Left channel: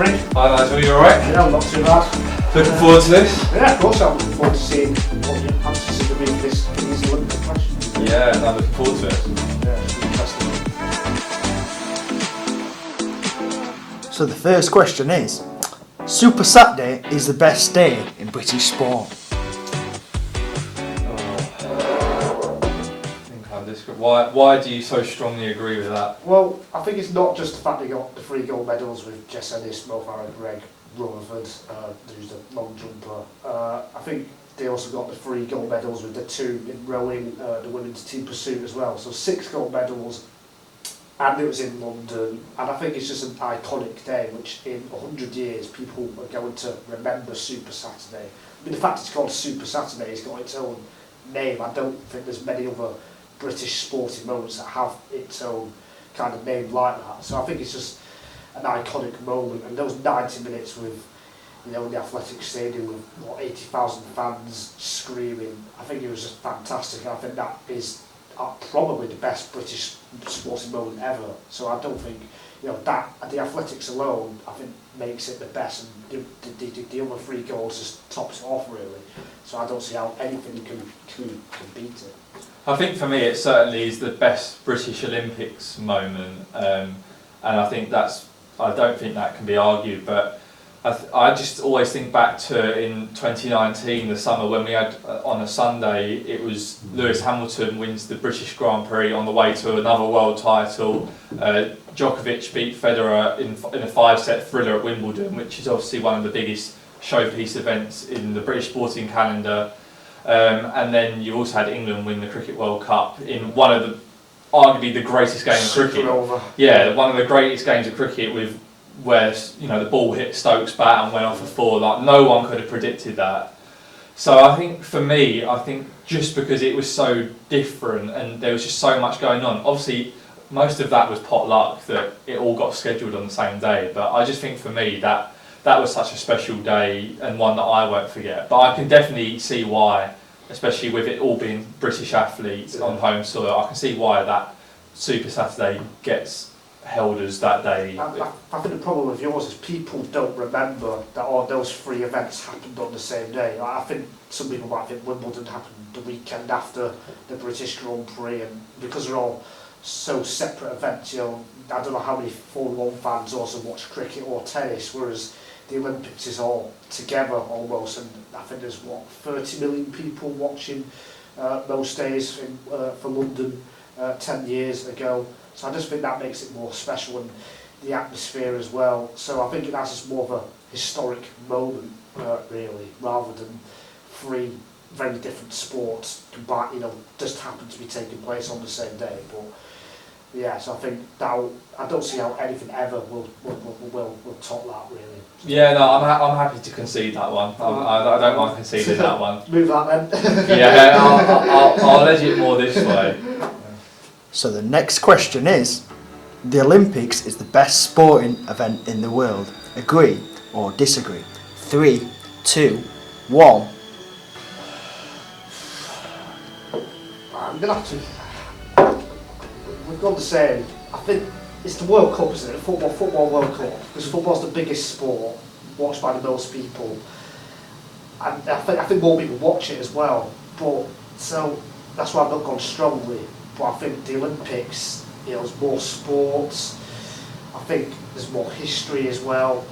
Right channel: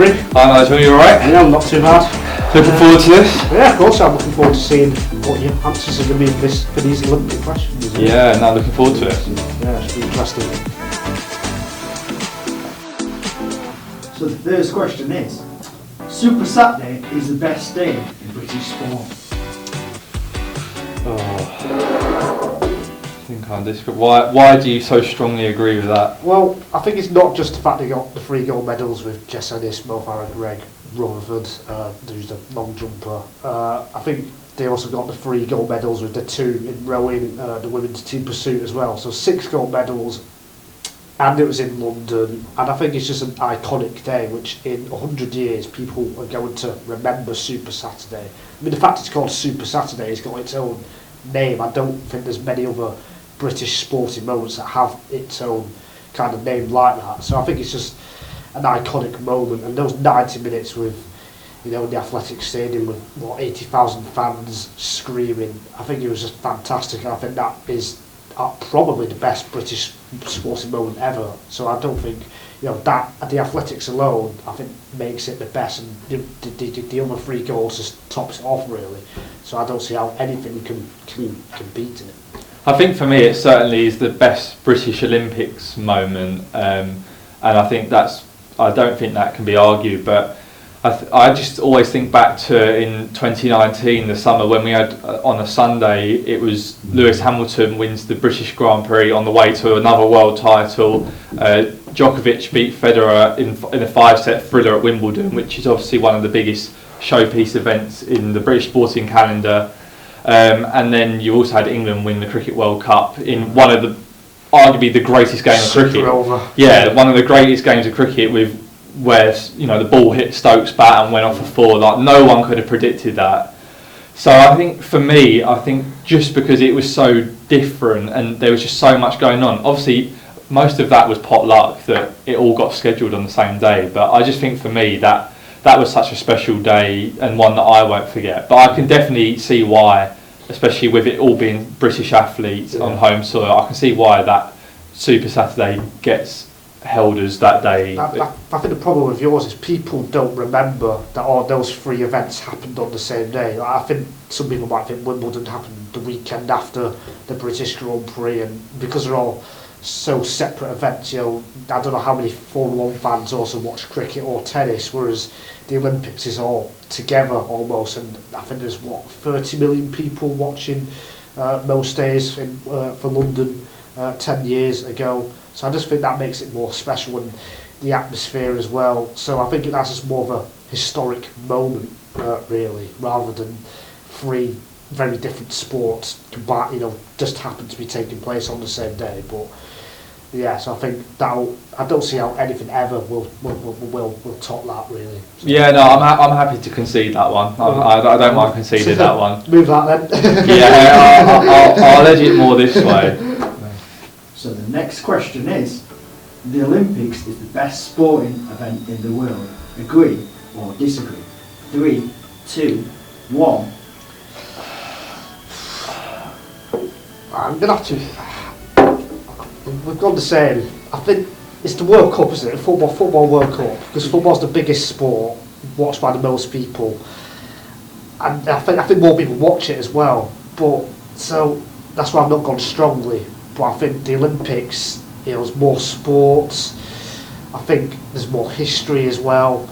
Rick. Hi Nigel, you alright? Yeah, I'm not too bad. Looking forward to this? Yeah, of course I'm looking forward to seeing what your answers are going to be for these Olympic questions. Yeah, no, looking forward to it. Yeah, it should be interesting. So the first question is, Super Saturday is the best day in British sport. Why do you so strongly agree with that? Well, I think it's not just the fact they got the 3 gold medals with Jess Ennis, Mo Farah, Greg Rutherford, who's the long jumper. I think they also got the 3 gold medals with the 2 in rowing, the women's team pursuit as well. So 6 gold medals, and it was in London. And I think it's just an iconic day, which in 100 years people are going to remember Super Saturday. I mean, the fact it's called Super Saturday has got its own name. I don't think there's many other British sporting moments that have its own kind of name like that. So I think it's just an iconic moment, and those 90 minutes with, you know, in the athletic stadium with 80,000 fans screaming, I think it was just fantastic. And I think that is probably the best British sporting moment ever. So I don't think, you know, that the athletics alone, I think, makes it the best, and the other 3 goals just tops it off really. So I don't see how anything can beat it. I think for me it certainly is the best British Olympics moment, and I think I don't think that can be argued, but I just always think back to in 2019, the summer, when we had on a Sunday, it was Lewis Hamilton wins the British Grand Prix on the way to another world title. Djokovic beat Federer in a 5-set thriller at Wimbledon, which is obviously one of the biggest showpiece events in the British sporting calendar. And then you also had England win the Cricket World Cup in one of the, arguably the greatest game of cricket. Yeah, one of the greatest games of cricket, with where, you know, the ball hit Stokes' bat and went off for 4. Like, no one could have predicted that. So I think for me, just because it was so different and there was just so much going on. Obviously, most of that was pot luck that it all got scheduled on the same day. But I just think for me that was such a special day, and one that I won't forget. But I can definitely see why, especially with it all being British athletes on home soil, I can see why that Super Saturday gets held as that day. I think the problem with yours is people don't remember that all those 3 events happened on the same day. Like, I think some people might think Wimbledon happened the weekend after the British Grand Prix, and because they're all so separate events, you know, I don't know how many Formula 1 fans also watch cricket or tennis, whereas the Olympics is all together almost, and I think there's 30 million people watching most days for London 10 years ago. So I just think that makes it more special, and the atmosphere as well. So I think that's just more of a historic moment really, rather than 3 very different sports combined, you know, just happen to be taking place on the same day. But yeah, so I think I don't see how anything ever will top that really. So, yeah, no, I'm happy to concede that one. I don't mind conceding that one. Move that then. Yeah, I'll edge it more this way. So the next question is, the Olympics is the best sporting event in the world. Agree or disagree? 3, 2, 1. I'm going to have to... We've gone the same. I think it's the World Cup, isn't it? Football World Cup. Because football's the biggest sport, watched by the most people. And I think more people watch it as well. But so that's why I've not gone strongly. But I think the Olympics, you know, there's more sports. I think there's more history as well.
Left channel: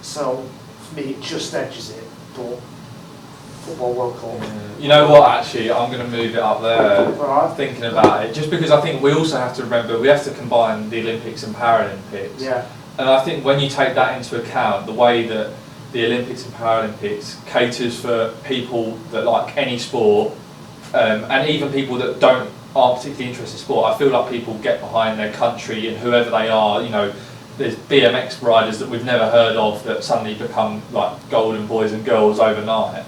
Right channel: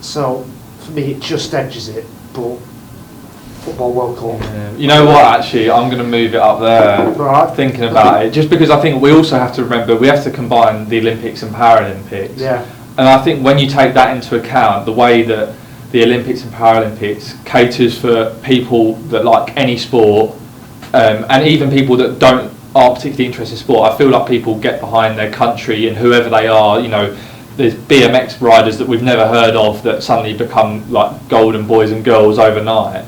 So for me, it just edges it. But Football World Cup. Yeah. You know what, actually, I'm going to move it up there, right. Thinking about it, just because I think we also have to remember, we have to combine the Olympics and Paralympics. Yeah. And I think when you take that into account, the way that the Olympics and Paralympics caters for people that like any sport, and even people that aren't particularly interested in sport, I feel like people get behind their country and whoever they are. You know, there's BMX riders that we've never heard of that suddenly become like golden boys and girls overnight.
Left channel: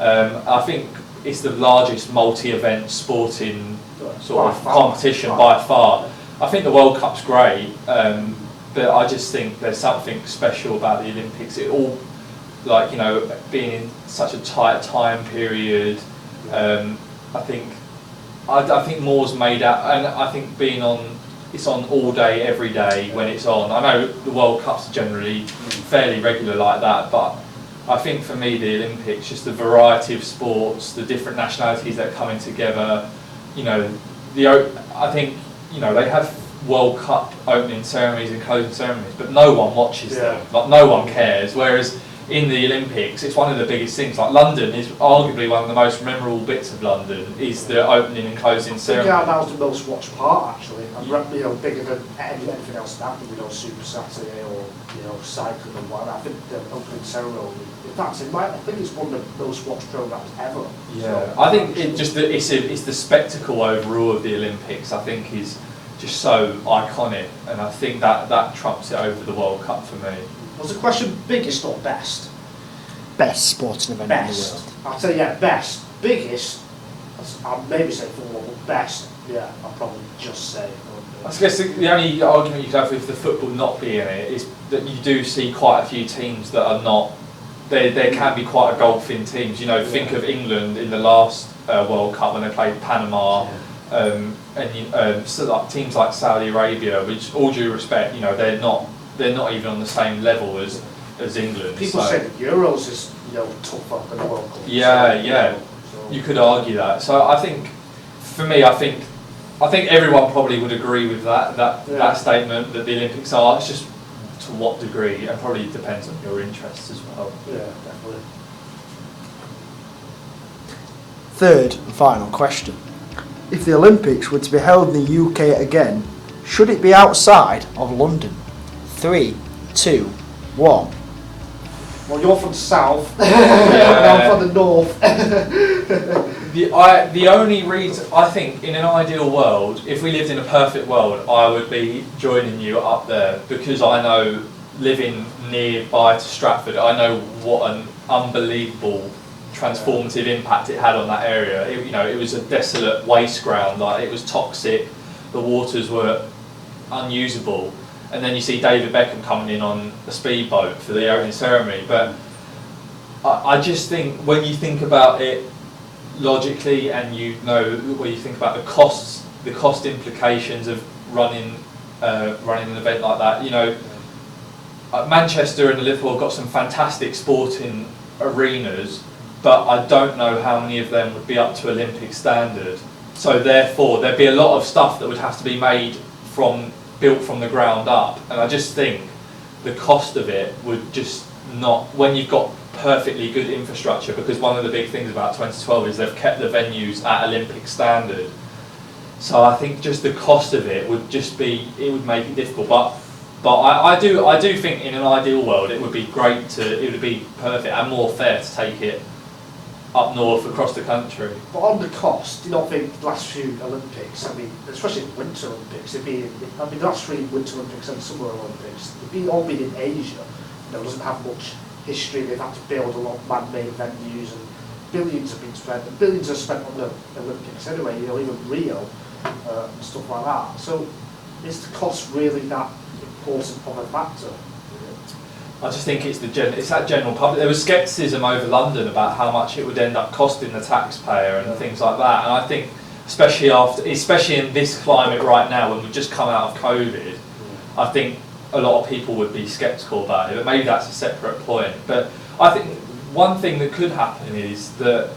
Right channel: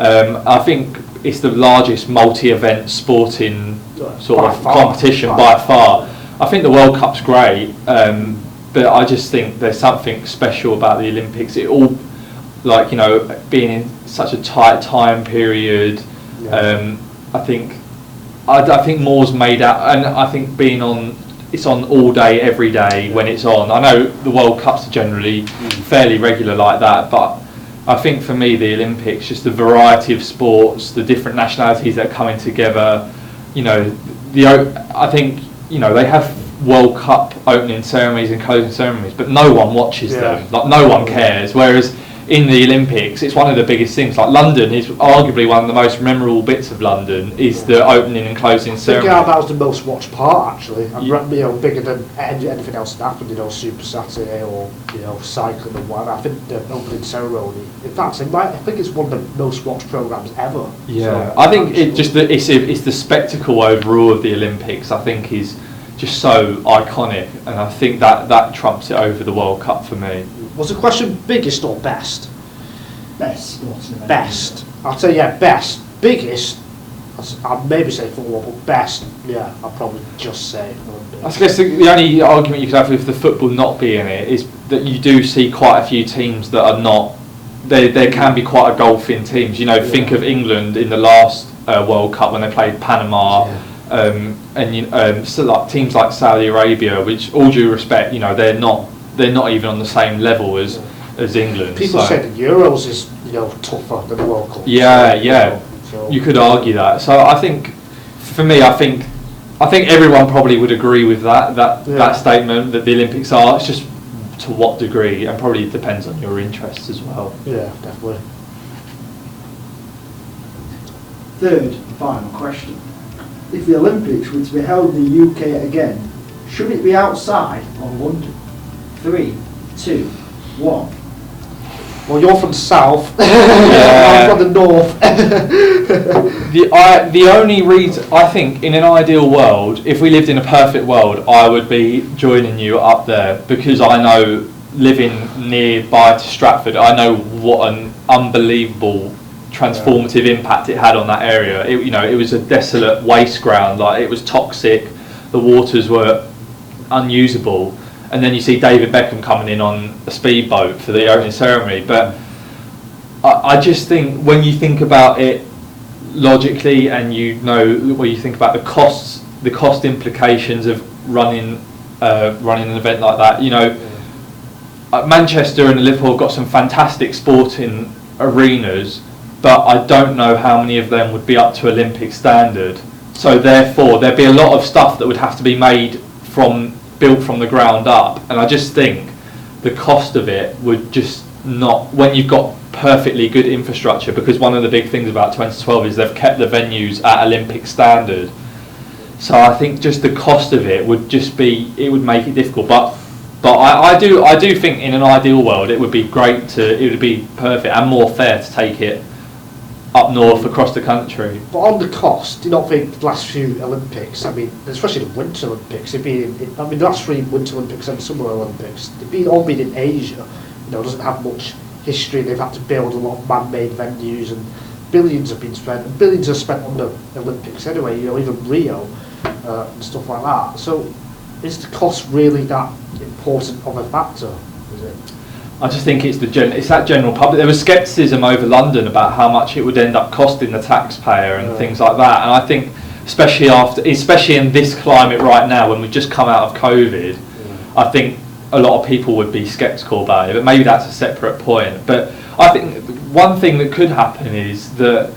I think it's the largest multi-event sporting sort of competition by far. I think the World Cup's great, but I just think there's something special about the Olympics. It all, like, you know, being in such a tight time period. I think more's made out, and I think being on it's on all day, every day when it's on. I know the World Cups are generally fairly regular like that, but I think for me the Olympics, just the variety of sports, the different nationalities that are coming together, you know, I think, you know, they have World Cup opening ceremonies and closing ceremonies, but no one watches them, like no one cares, whereas in the Olympics it's one of the biggest things. Like London is arguably one of the most memorable bits of London, is the opening and closing ceremony. Yeah, that was the most watched part actually, and you know, bigger than anything else that happened, you know, Super Saturday or, you know, cycling and whatever. I think the opening ceremony, in fact, I think it's one of the most watched programmes ever. Yeah, so, I think it's the spectacle overall of the Olympics, I think, is just so iconic, and I think that trumps it over the World Cup for me. Was the question biggest or best? Best sporting event. Best. I'll tell you, yeah, best. Biggest, I'd maybe say football, but best, yeah, I'll probably just say Olympics. I guess the only argument you could have with the football not being it is that you do see quite a few teams that are not. There can be quite a golfing teams. You know, think of England in the last World Cup when they played Panama. So like teams like Saudi Arabia, which, all due respect, you know, they're not even on the same level as England. People say the Euros is, you know, tougher than the World Cup. Yeah. So you could argue that. So I think, for me, I think everyone probably would agree with that statement, that the Olympics are. It's just to what degree, and probably depends on your interests as well. Yeah, definitely. Third and final question. If the Olympics were to be held in the UK again, should it be outside of London? 3, 2, 1. Well, you're from the south. Yeah. I'm from the north. The only reason, I think, in an ideal world, if we lived in a perfect world, I would be joining you up there, because I know, living nearby to Stratford, I know what an unbelievable transformative impact it had on that area. It was a desolate waste ground, like it was toxic, the waters were unusable, and then you see David Beckham coming in on a speedboat for the opening ceremony. But I just think, when you think about it logically, and when you think about the cost implications of running an event like that, you know, Manchester and Liverpool have got some fantastic sporting arenas, but I don't know how many of them would be up to Olympic standard. So therefore, there'd be a lot of stuff that would have to be built from the ground up, and I just think the cost of it would just not, when you've got perfectly good infrastructure, because one of the big things about 2012 is they've kept the venues at Olympic standard. So I think just the cost of it would would make it difficult. But I do think in an ideal world it would be it would be perfect and more fair to take it up north across the country. But on the cost, do you not think the last few Olympics, I mean, especially the Winter Olympics, the last 3 Winter Olympics and Summer Olympics, they've all been in Asia, you know, doesn't have much history. They've had to build a lot of man-made venues, and billions have been spent, and billions are spent on the Olympics anyway, you know, even Rio and stuff like that. So is the cost really that important of a factor, is it? I just think it's that general public. There was scepticism over London about how much it would end up costing the taxpayer and things like that. And I think, especially in this climate right now, when we've just come out of COVID, I think a lot of people would be sceptical about it. But maybe that's a separate point. But I think one thing that could happen is that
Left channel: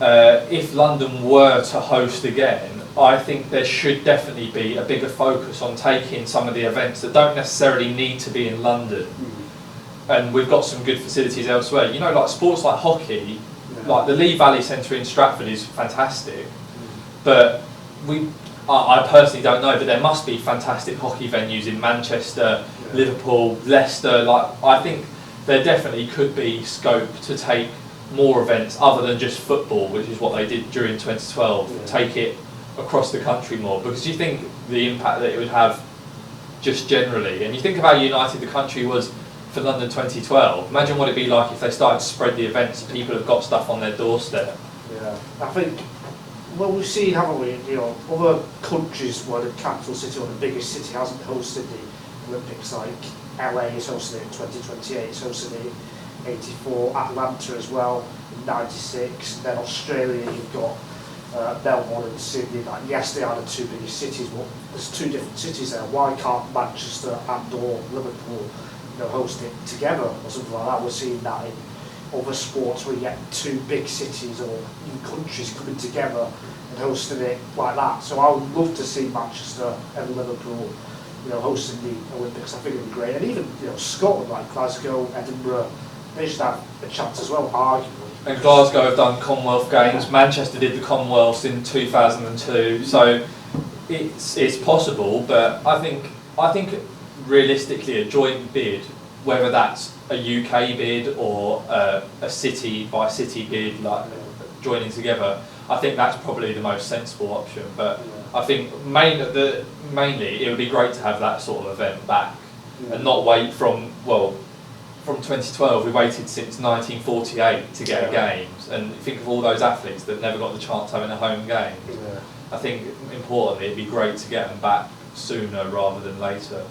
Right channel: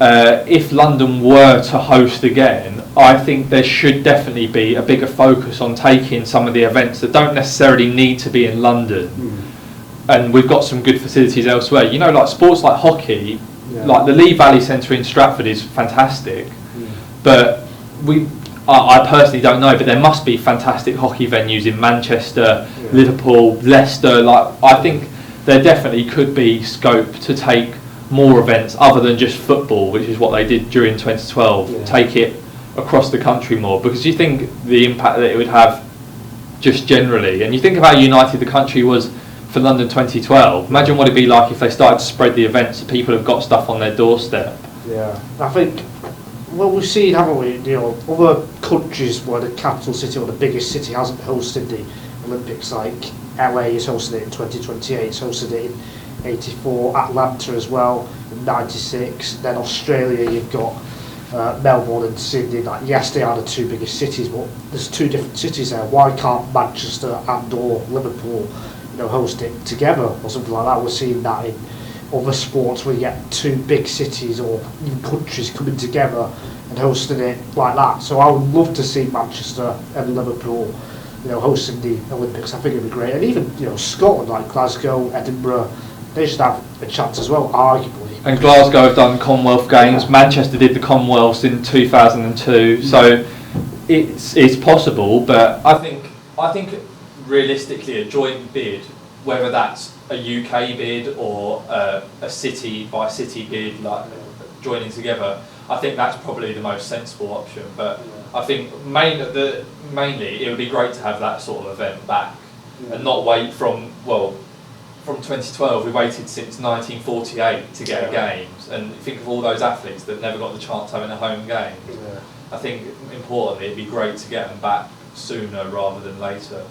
if London were to host again, I think there should definitely be a bigger focus on taking some of the events that don't necessarily need to be in London. And we've got some good facilities elsewhere. You know, like sports like hockey, like the Lee Valley Centre in Stratford is fantastic. But I personally don't know, but there must be fantastic hockey venues in Manchester, Liverpool, Leicester. Like, I think there definitely could be scope to take more events other than just football, which is what they did during 2012, take it across the country more, because you think the impact that it would have just generally, and you think of how united the country was for London 2012, imagine what it'd be like if they started to spread the events so people have got stuff on their doorstep. Yeah, I think, well, we've seen, haven't we, you know, other countries where the capital city or the biggest city hasn't hosted the Olympics, like LA is hosting it in 2028, it's hosted it in 84, Atlanta as well in 96, then Australia you've got Melbourne and Sydney. Like, yes, they are the two biggest cities, but there's two different cities there. Why can't Manchester and or Liverpool, host it together or something like that? We're seeing that in other sports where you get two big cities or even countries coming together and hosting it like that. So I would love to see Manchester and Liverpool, hosting the Olympics. I think it'd be great. And even, Scotland, like Glasgow, Edinburgh, they should have a chance as well, arguably. And Glasgow have done Commonwealth Games. Yeah. Manchester did the Commonwealths in 2002. So it's possible, but I think realistically a joint bid, whether that's a UK bid or a city by city bid, like joining together, I think that's probably the most sensible option. But I think mainly it would be great to have that sort of event back and not wait from 2012 we waited since 1948 to get a games, and think of all those athletes that never got the chance of having a home game. I think importantly it'd be great to get them back sooner rather than later.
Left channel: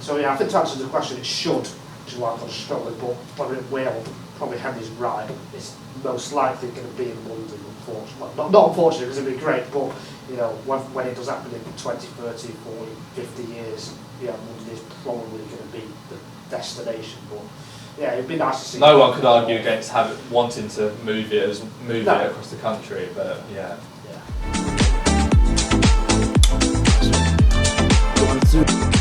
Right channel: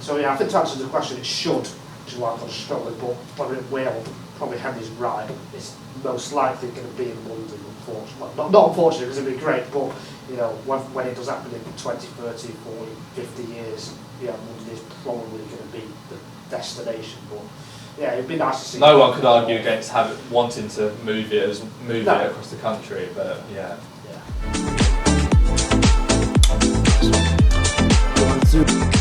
So I think to answer the question, it should, which is why I'm struggling, but whether it will, probably Henry's right, it's most likely going to be in London, unfortunately. Not unfortunately, because it'd be great, but when it does happen in 20, 30, 40, 50 years, London is probably going to be the destination. But it'd be nice to see. No one could argue against wanting to move it across the country, but Go on through.